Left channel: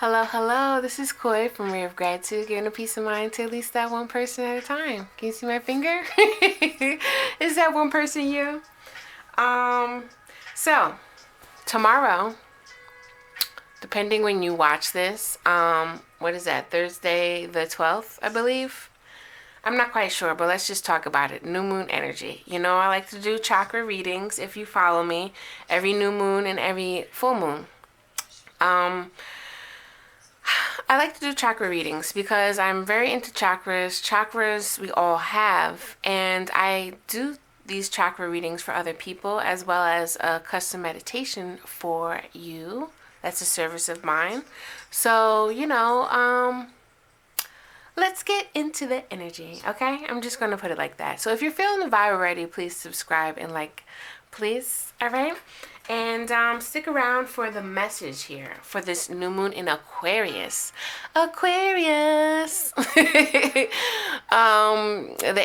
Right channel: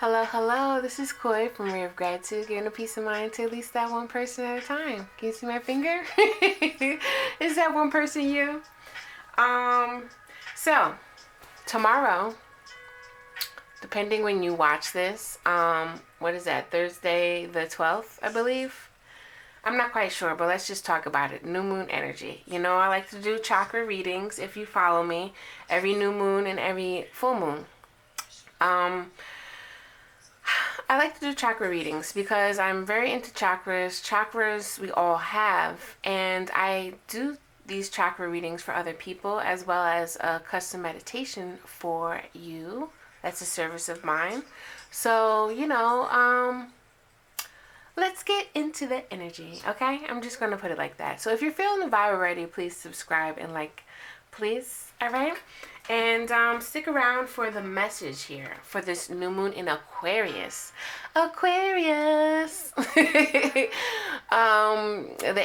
Hello, hello. This is Koi from Ray of Gratitude, giving a peace of mind to at least that one person at a time. Can you see my finger? Is that one person you? So tomorrow, depending when you watch this, what is that? Thursday the 12th, I believe. I'm not quite sure, but let's just talk about it. New moon energy. You know, I like to do chakra readings if you follow me, every new moon and every full moon. I like to do chakra readings because I'm very into chakras. Chakras we all have, and I do these chakra readings for other people as well as a custom meditation for you. That's a service of mine. So, let's get into the energy, okay? I'm just going to put it like that. So if you're feeling the vibe already, please subscribe and like, please, all right? And stick around for the message here for this new moon in Aquarius. Aquarius! The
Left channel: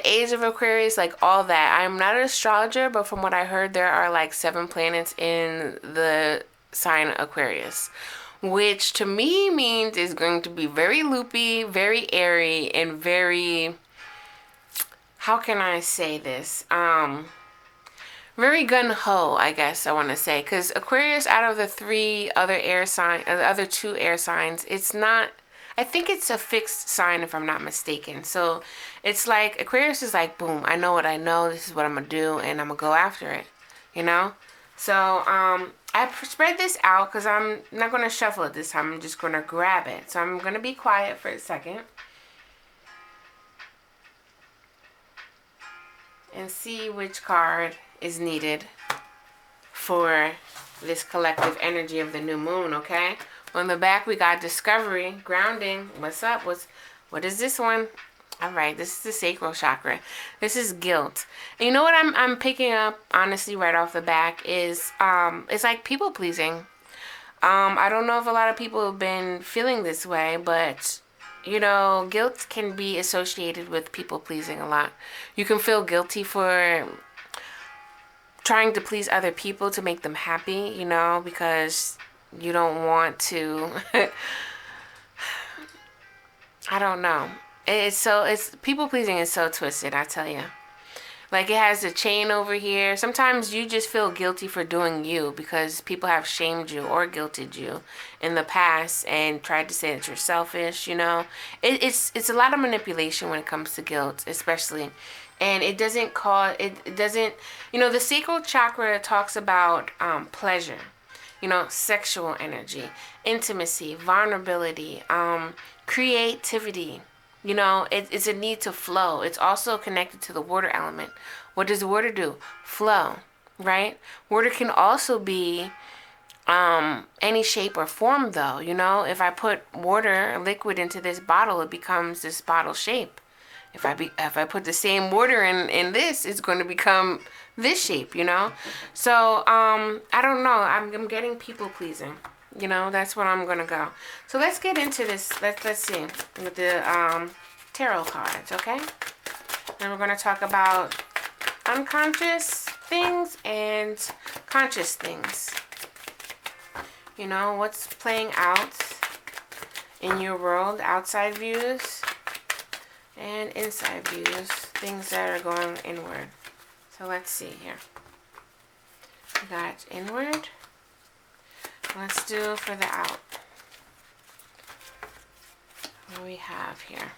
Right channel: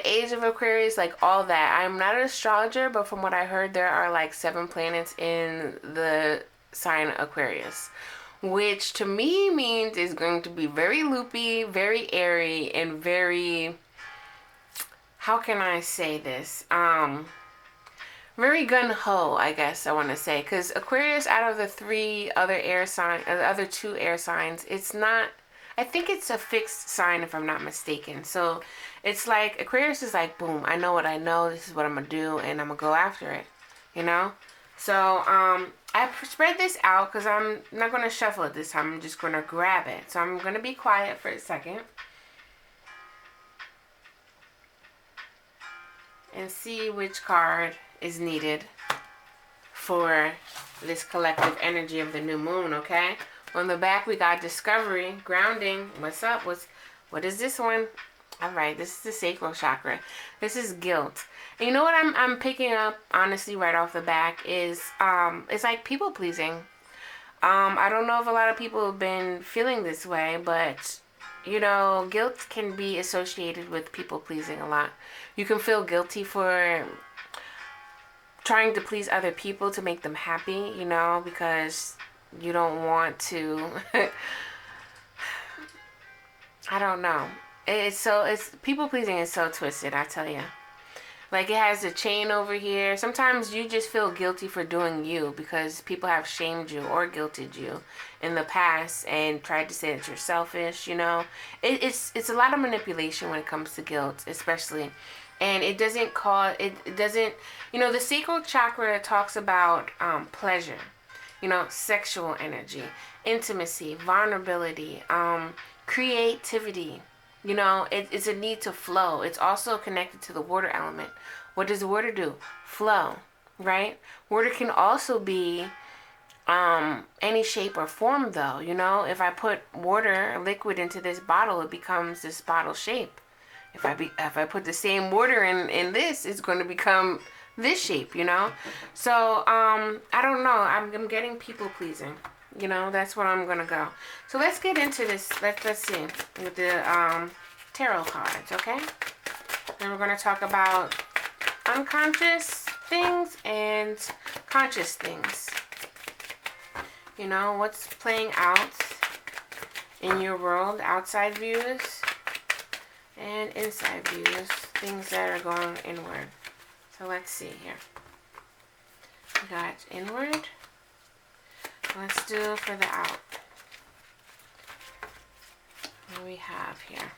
age of Aquarius, like all that. I'm not an astrologer, but from what I heard, there are like 7 planets in the sign Aquarius, which to me means is going to be very loopy, very airy, and very, how can I say this? Very gun-ho, I guess I want to say, because Aquarius, out of the 3 other air signs, the other 2 air signs, it's not, I think it's a fixed sign if I'm not mistaken. So it's like Aquarius is like, boom, I know what I know, this is what I'm gonna do, and I'm gonna go after it, you know. So I spread this out because I'm not gonna shuffle it this time. I'm just gonna grab it. So I'm gonna be quiet for a second and see which card is needed for this collective energy of the new moon, okay? On the back we got discovery, grounding. What's up? What is this one? All right, this is the sacral chakra. This is guilt. And you know what I'm picking up honestly right off the back is it's like people pleasing. I don't know if a lot of people have been feeling this way, but you know, guilt can be associated with people pleasing a lot. You can feel guilty for trying to please other people to make them happy, you know, because you don't want to I don't know. It's people pleasing is so twisted, I tell you. Like it has a chain over here. Sometimes you just feel guilty for doing you because people have shamed you or guilted you in the past and tried to say that you're selfish, you know. It's a lot of manipulation when it comes to guilt, especially. And it doesn't, you know, the sacral chakra talks about pleasure, you know, sexual energy, intimacy, vulnerability, creativity. You know, it's a need to flow. It's also connected to the water element. What does water do? Flow, right? Water can also be any shape or form, though. You know, if I put water, liquid, into this bottle, it becomes this bottle shape. If I put the same water in this, it's going to become this shape, you know? So, I don't know. I'm getting people pleasing. You know, that's where I'm going to go. So let's get into this. Let's see. With the tarot cards, okay? Then we're going to talk about unconscious things and conscious things. You know, what's playing out in your world, outside views and inside views, things that are going inward. So let's see here. We got inward. Let's do for the out. What do we have here?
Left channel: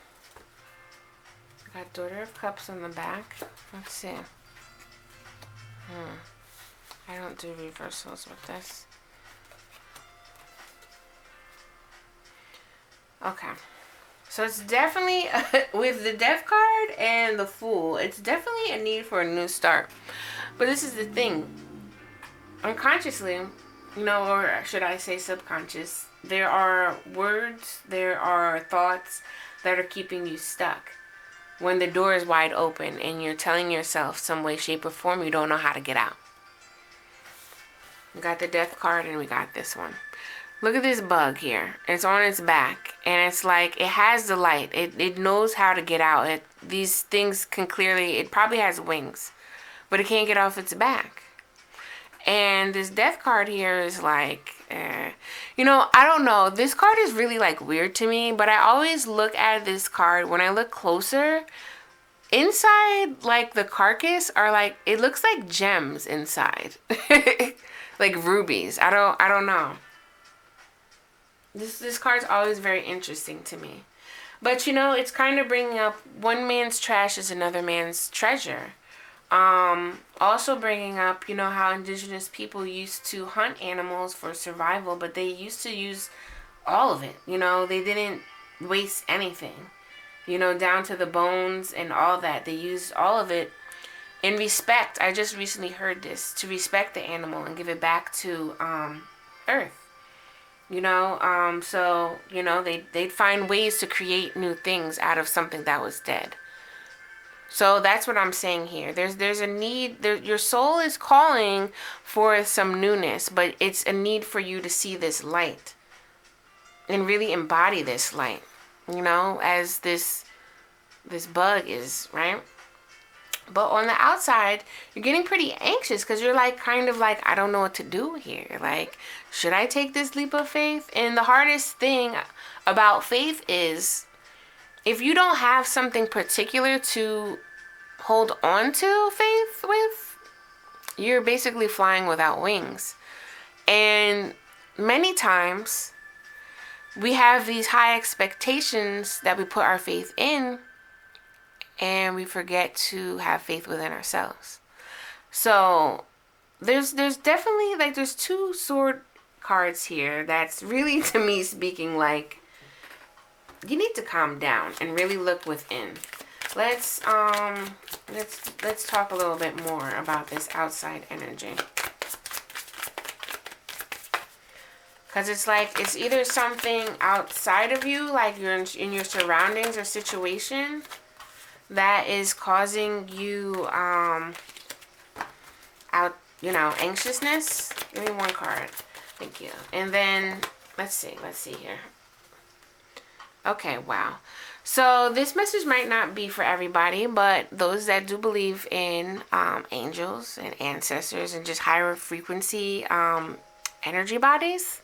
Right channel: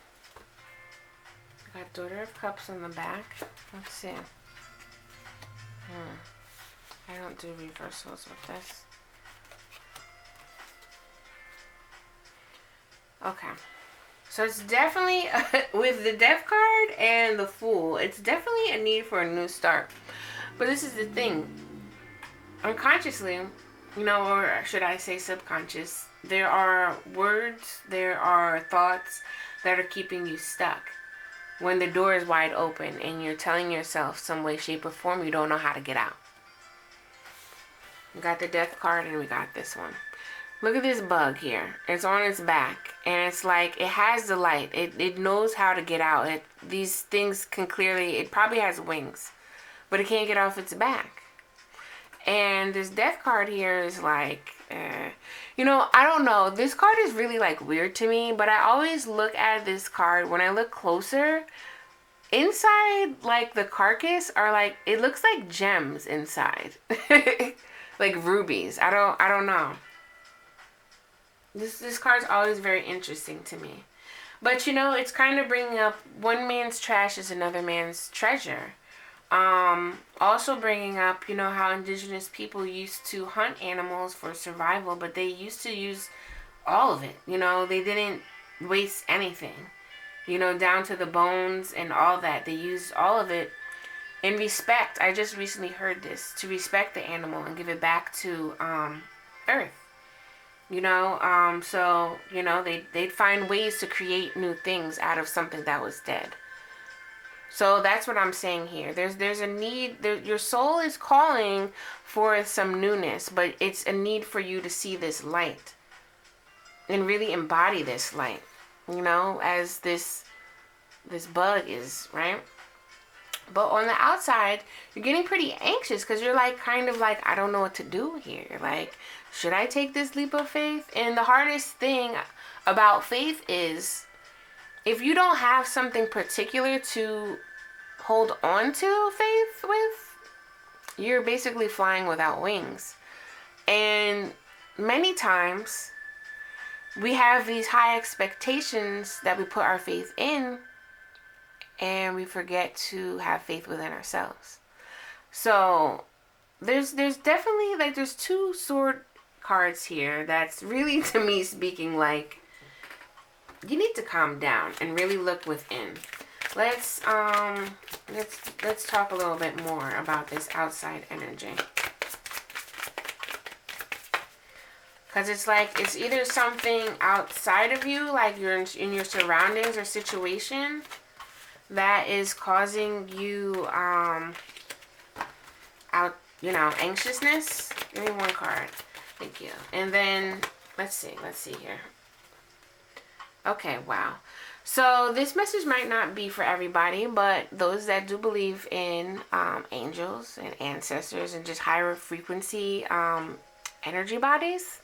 We got Daughter of Cups on the back. Let's see. I don't do reversals with this. Okay. So it's definitely, with the Death card and the Fool, it's definitely a need for a new start. But this is the thing. Unconsciously, you know, or should I say subconscious, there are words, there are thoughts that are keeping you stuck. When the door is wide open and you're telling yourself some way, shape, or form, you don't know how to get out. We got the Death card and we got this one. Look at this bug here. It's on its back. And it's like, it has the light. It knows how to get out. These things can clearly, it probably has wings. But it can't get off its back. And this Death card here is like, You know, I don't know. This card is really like weird to me, but I always look at this card when I look closer. Inside, like the carcass are like, it looks like gems inside. Like rubies. I don't know. This card's always very interesting to me. But you know, it's kind of bringing up one man's trash is another man's treasure. Also bringing up, you know, how indigenous people used to hunt animals for survival, but they used to use all of it. You know, they didn't waste anything. You know, down to the bones and all that. They used all of it in respect. I just recently heard this, to respect the animal and give it back to Earth. You know, so, you know, they'd find ways to create new things out of something that was dead. So that's what I'm saying here. There's a need. Your soul is calling for some newness, but it's a need for you to see this light and really embody this light. You know, as this bug is, right? But on the outside, you're getting pretty anxious because you're like, kind of like, I don't know what to do here. Like, should I take this leap of faith? And the hardest thing about faith is, if you don't have something particular to hold on to faith with, you're basically flying without wings. And many times we have these high expectations that we put our faith in, and we forget to have faith within ourselves. So there's definitely, like, there's two sword cards here that's really, to me, speaking like, you need to calm down and really look within. Let's talk a little bit more about this outside energy. Because it's like, it's either something outside of you, like you're in your surroundings or situation, that is causing you anxiousness. Give me one card. Thank you. And then let's see here. Okay, wow. So this message might not be for everybody, but those that do believe in angels and ancestors and just higher frequency energy bodies,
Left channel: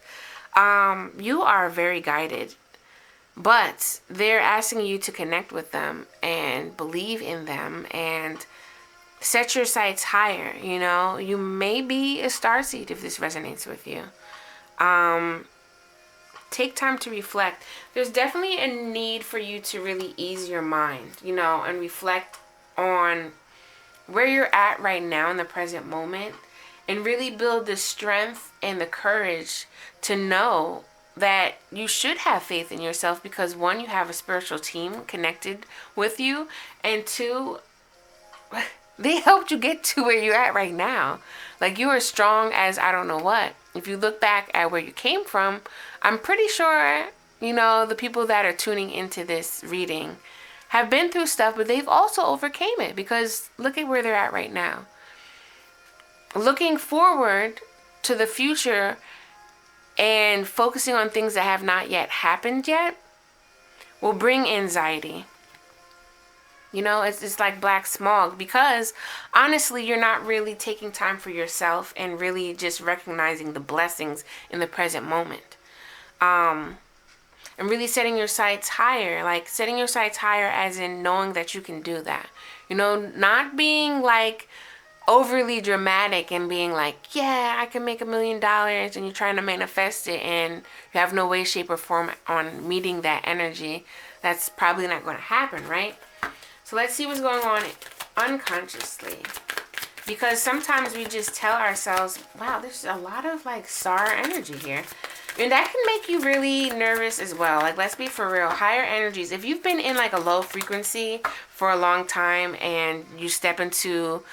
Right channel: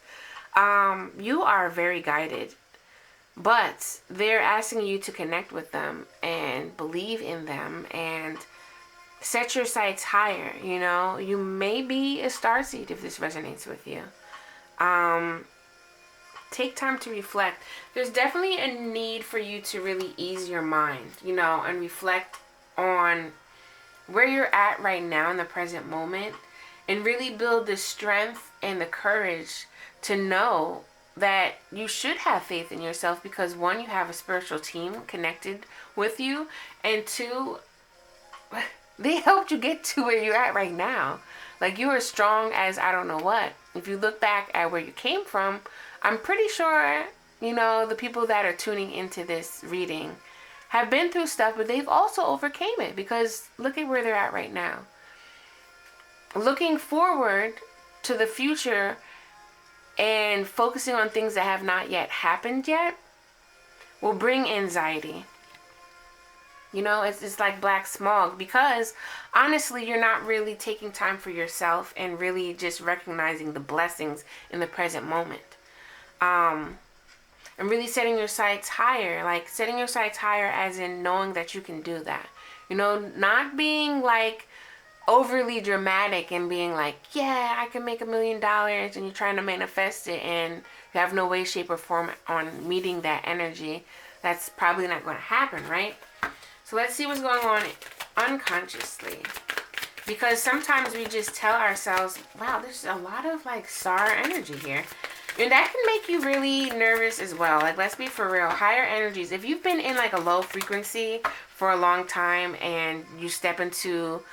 you are very guided. But they're asking you to connect with them and believe in them and set your sights higher. You know, you may be a starseed if this resonates with you. Take time to reflect. There's definitely a need for you to really ease your mind, you know, and reflect on where you're at right now in the present moment, and really build the strength and the courage to know that you should have faith in yourself, because one, you have a spiritual team connected with you, and two, they helped you get to where you're at right now. Like, you are strong as I don't know what. If you look back at where you came from, I'm pretty sure, you know, the people that are tuning into this reading have been through stuff, but they've also overcame it, because look at where they're at right now. Looking forward to the future and focusing on things that have not yet happened yet will bring anxiety. You know, it's like black smog, because honestly, you're not really taking time for yourself and really just recognizing the blessings in the present moment. And really setting your sights higher, like setting your sights higher as in knowing that you can do that. You know, not being like overly dramatic and being like, yeah, I can make $1 million, and you're trying to manifest it and you have no way, shape, or form on meeting that energy. That's probably not going to happen, right? So let's see what's going on unconsciously. Because sometimes we just tell ourselves, wow, there's a lot of like star energy here. And that can make you really nervous as well. Like, let's be for real. Higher energies. If you've been in like a low frequency for a long time and you step into,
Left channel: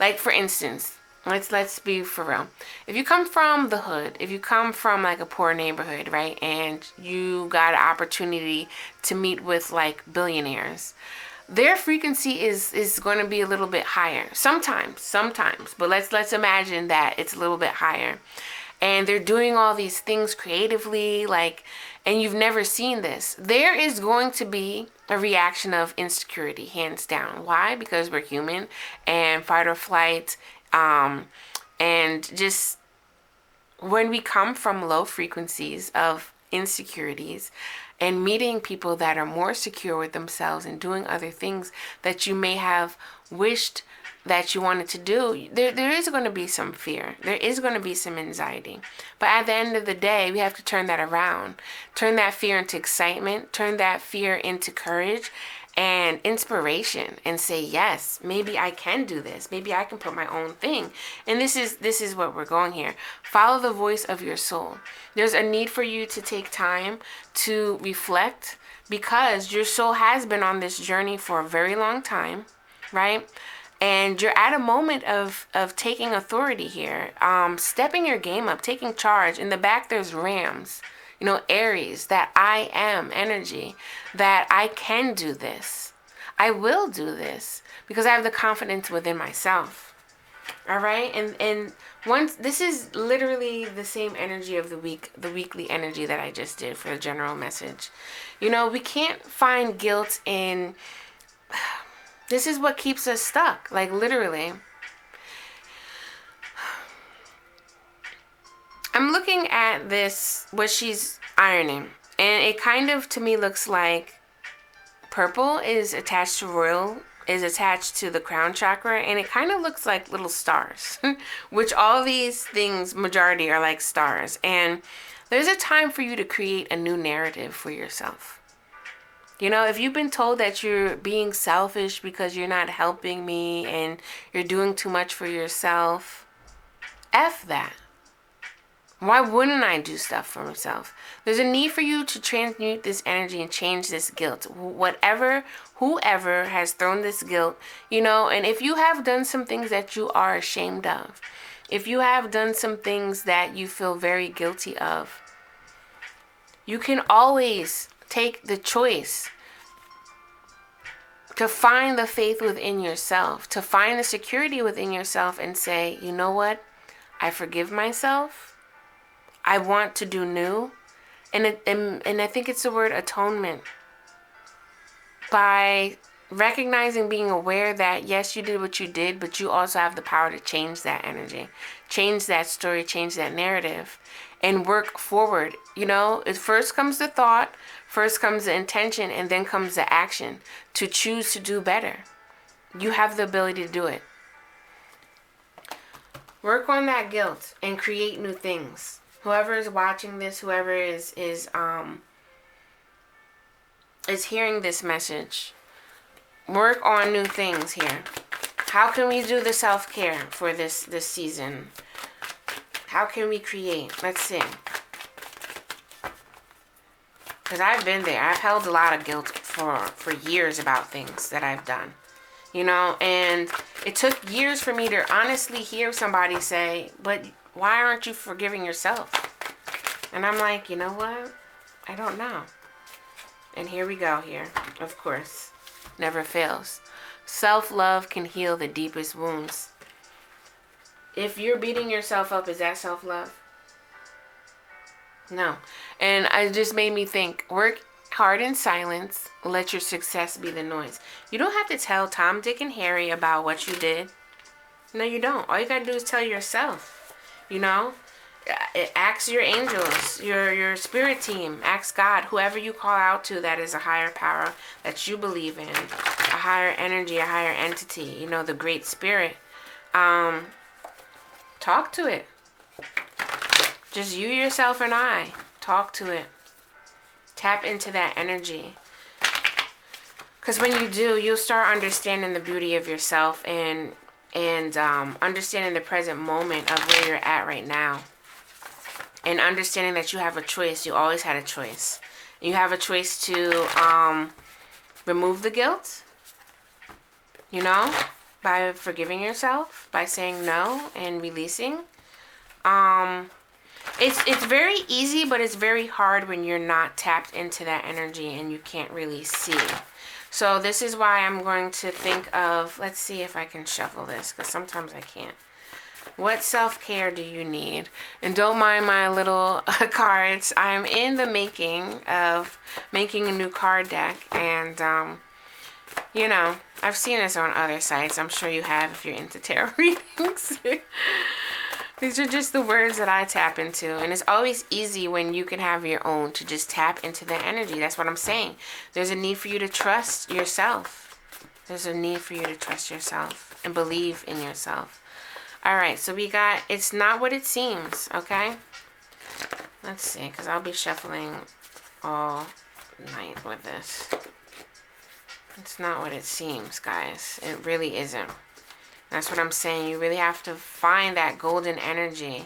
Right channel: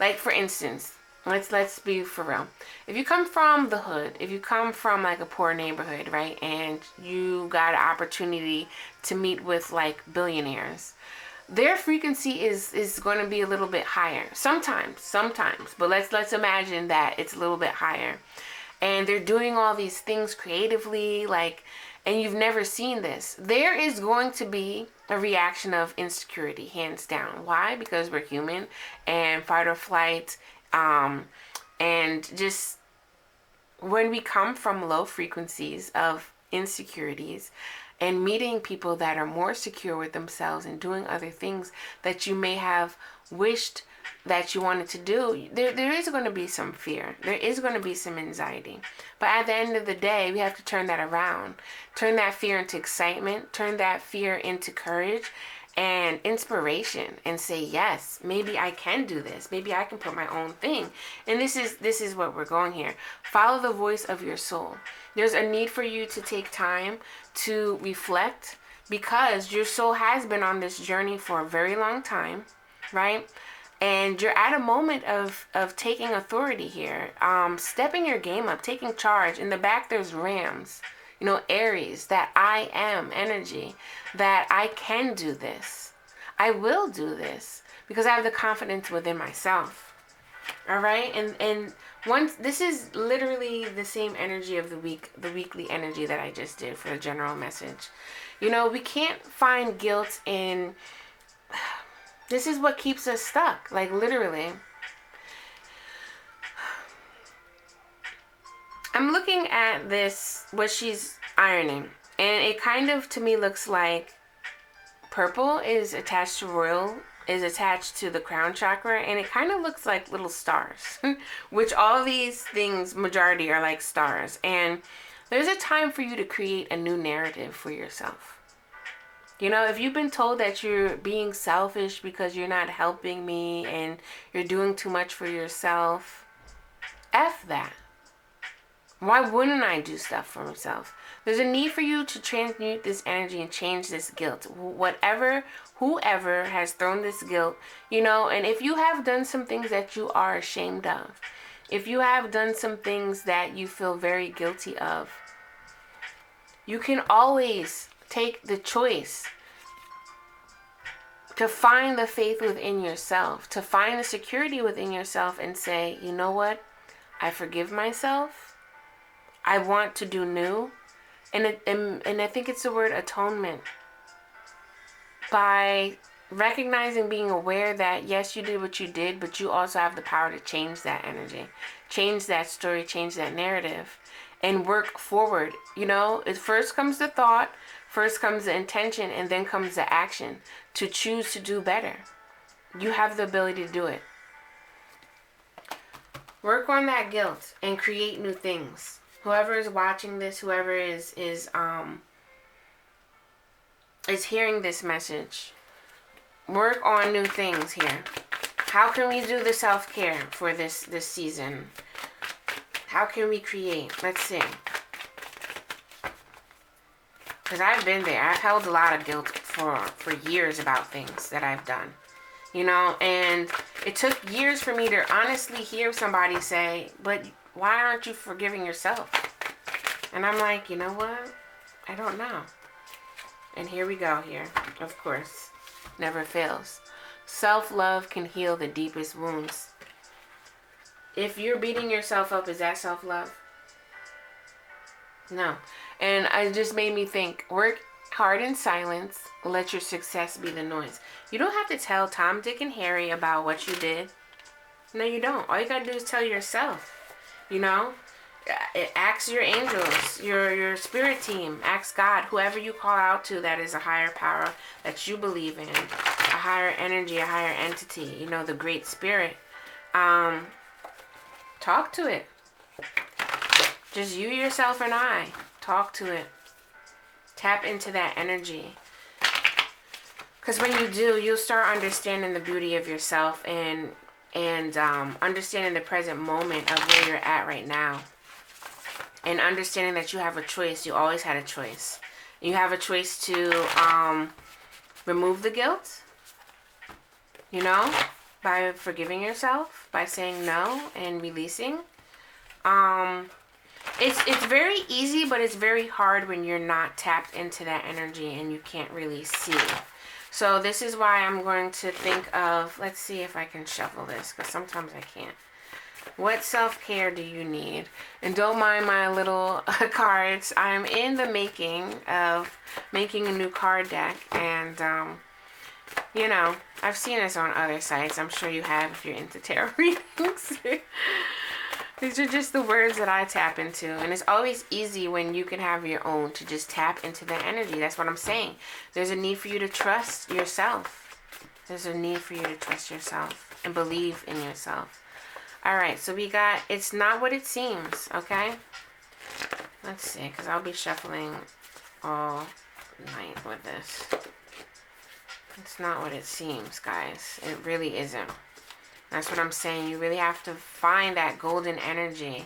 like, for instance, let's be for real. If you come from the hood, if you come from like a poor neighborhood, right, and you got an opportunity to meet with like billionaires, their frequency is going to be a little bit higher. Sometimes, but let's imagine that it's a little bit higher. And they're doing all these things creatively, like, and you've never seen this. There is going to be a reaction of insecurity, hands down. Why? Because we're human, and fight or flight, and just when we come from low frequencies of insecurities and meeting people that are more secure with themselves and doing other things that you may have wished that you wanted to do, there is going to be some fear. There is going to be some anxiety. But at the end of the day, we have to turn that around. Turn that fear into excitement. Turn that fear into courage and inspiration, and say, yes, maybe I can do this. Maybe I can put my own thing. And this is what we're going here. Follow the voice of your soul. There's a need for you to take time to reflect, because your soul has been on this journey for a very long time, right? And you're at a moment of taking authority here, stepping your game up, taking charge. In the back, there's Rams, Aries, that I am energy, that I can do this. I will do this because I have the confidence within myself. All right. And once, this is literally the same energy of the week, the weekly energy that I just did for the general message. We can't find guilt in, this is what keeps us stuck. Like, literally. I'm looking at this, what she's ironing, and it kind of, to me, looks like purple is attached to the crown chakra, and it kind of looks like little stars, which all these things, majority, are like stars. And there's a time for you to create a new narrative for yourself. If you've been told that you're being selfish because you're not helping me and you're doing too much for yourself, F that. Why wouldn't I do stuff for myself? There's a need for you to transmute this energy and change this guilt. Whoever has thrown this guilt, and if you have done some things that you are ashamed of, if you have done some things that you feel very guilty of, you can always take the choice to find the faith within yourself, to find the security within yourself and say, you know what? I forgive myself. I want to do new. And I think it's the word atonement. By recognizing, being aware that, yes, you did what you did, but you also have the power to change that energy, change that story, change that narrative, and work forward. It first comes the thought, first comes the intention, and then comes the action to choose to do better. You have the ability to do it. Work on that guilt and create new things. Whoever is watching this, whoever is hearing this message, work on new things here. How can we do the self-care for this season? How can we create? Let's see. Because I've been there. I've held a lot of guilt for years about things that I've done. And it took years for me to honestly hear somebody say, but why aren't you forgiving yourself? And I'm like, you know what? I don't know. And here we go here. Of course. Never fails. Self-love can heal the deepest wounds. If you're beating yourself up, is that self-love? No. And it just made me think, work hard in silence. Let your success be the noise. You don't have to tell Tom, Dick, and Harry about what you did. No, you don't. All you got to do is tell yourself. Ask your angels, your spirit team, ask God, whoever you call out to that is a higher power that you believe in, a higher energy, a higher entity, the great spirit. Talk to it. Just you, yourself, and I. Talk to it. Tap into that energy. Because when you do, you'll start understanding the beauty of yourself and understanding the present moment of where you're at right now. And understanding that you have a choice. You always had a choice. You have a choice to remove the guilt, by forgiving yourself, by saying no and releasing. It's very easy, but it's very hard when you're not tapped into that energy and you can't really see. So this is why I'm going to think of, let's see if I can shuffle this, because sometimes I can't. What self-care do you need? And don't mind my little cards. I'm in the making of making a new card deck. And, I've seen this on other sites. I'm sure you have if you're into tarot readings. These are just the words that I tap into. And it's always easy when you can have your own to just tap into the energy. That's what I'm saying. There's a need for you to trust yourself. There's a need for you to trust yourself and believe in yourself. All right, so we got, it's not what it seems, okay? Let's see, because I'll be shuffling all night with this. It's not what it seems, guys. It really isn't. That's what I'm saying. You really have to find that golden energy.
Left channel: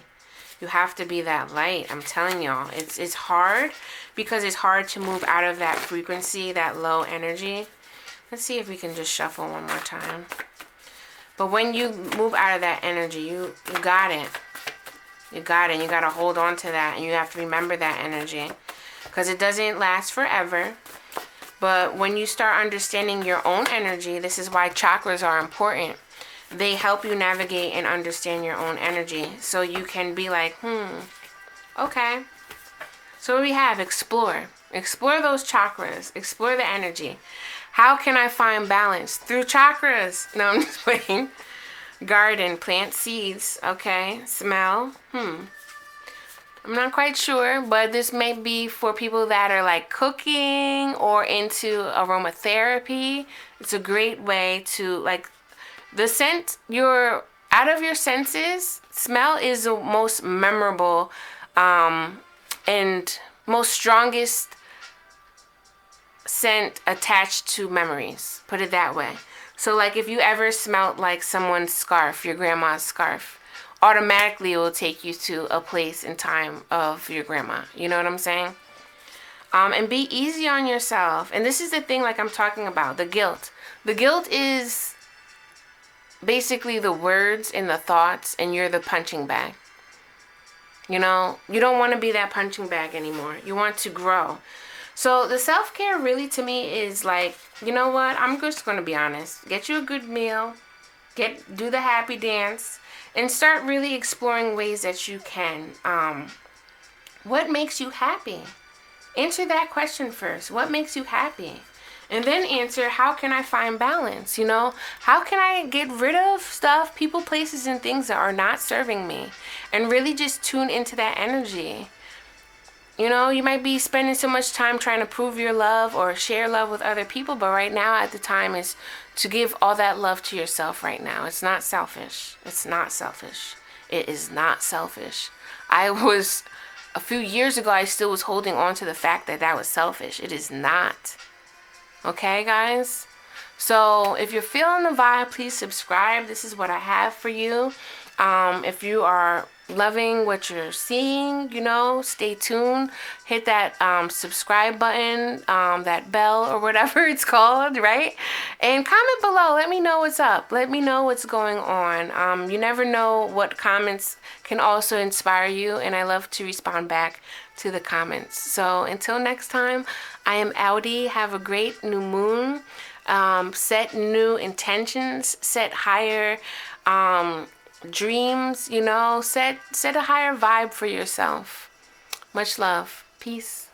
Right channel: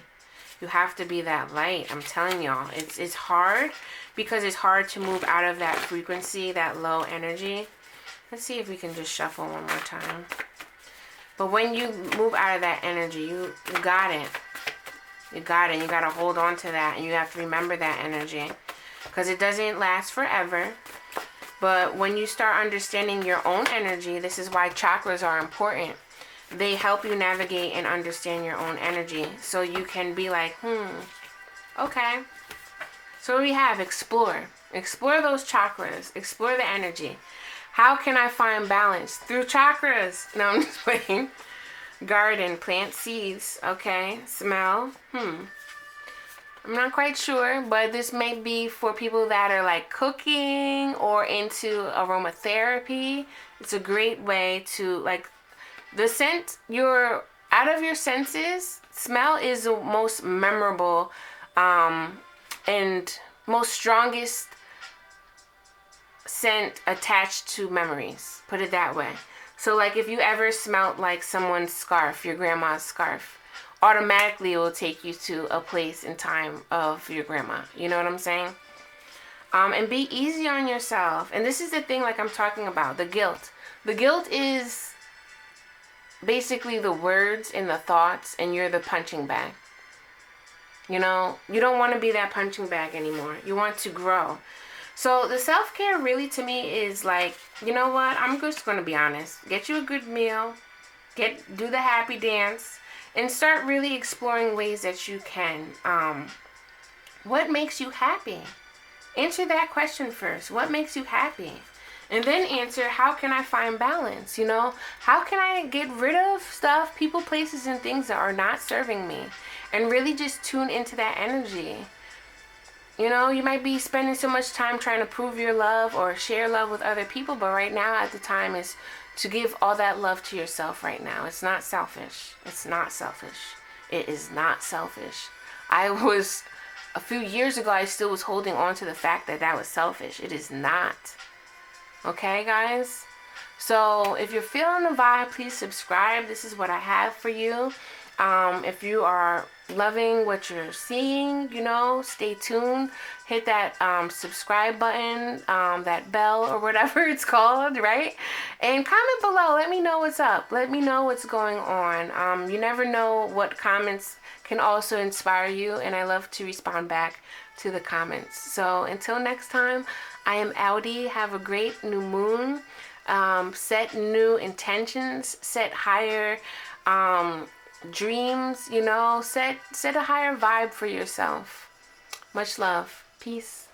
You have to be that light. I'm telling y'all. It's hard because it's hard to move out of that frequency, that low energy. Let's see if we can just shuffle one more time. But when you move out of that energy, you got it. You got it. You got to hold on to that. And you have to remember that energy. Because it doesn't last forever. But when you start understanding your own energy, this is why chakras are important. They help you navigate and understand your own energy. So you can be like, okay. So what do we have? Explore. Explore those chakras. Explore the energy. How can I find balance? Through chakras. No, I'm just playing. Garden. Plant seeds. Okay. Smell. I'm not quite sure, but this may be for people that are like cooking or into aromatherapy. It's a great way to like the scent, you're out of your senses. Smell is the most memorable and most strongest scent attached to memories. Put it that way. So like if you ever smelled like someone's scarf, your grandma's scarf, automatically it will take you to a place and time of your grandma. You know what I'm saying? And be easy on yourself. And this is the thing like I'm talking about, the guilt. The guilt is basically the words and the thoughts, and you're the punching bag. You know, you don't want to be that punching bag anymore. You want to grow. So the self-care really to me is like, you know what? I'm just going to be honest. Get you a good meal. Do the happy dance. And start really exploring ways that you can. What makes you happy? Answer that question first. What makes you happy? And then answer, how can I find balance? You know, how can I get rid of stuff, people, places, and things that are not serving me? And really just tune into that energy. You know, you might be spending so much time trying to prove your love or share love with other people, but right now at the time is to give all that love to yourself right now. It's not selfish. It's not selfish. It is not selfish. A few years ago, I still was holding on to the fact that that was selfish. It is not. Okay, guys? So if you're feeling the vibe, please subscribe. This is what I have for you. If you are loving what you're seeing, you know, stay tuned. Hit that subscribe button, that bell or whatever it's called, right? And comment below. Let me know what's up. Let me know what's going on. You never know what comments can also inspire you, and I love to respond back to the comments. So until next time, I am Audi. Have a great new moon. Set new intentions. Set higher dreams. You know, set a higher vibe for yourself. Much love. Peace.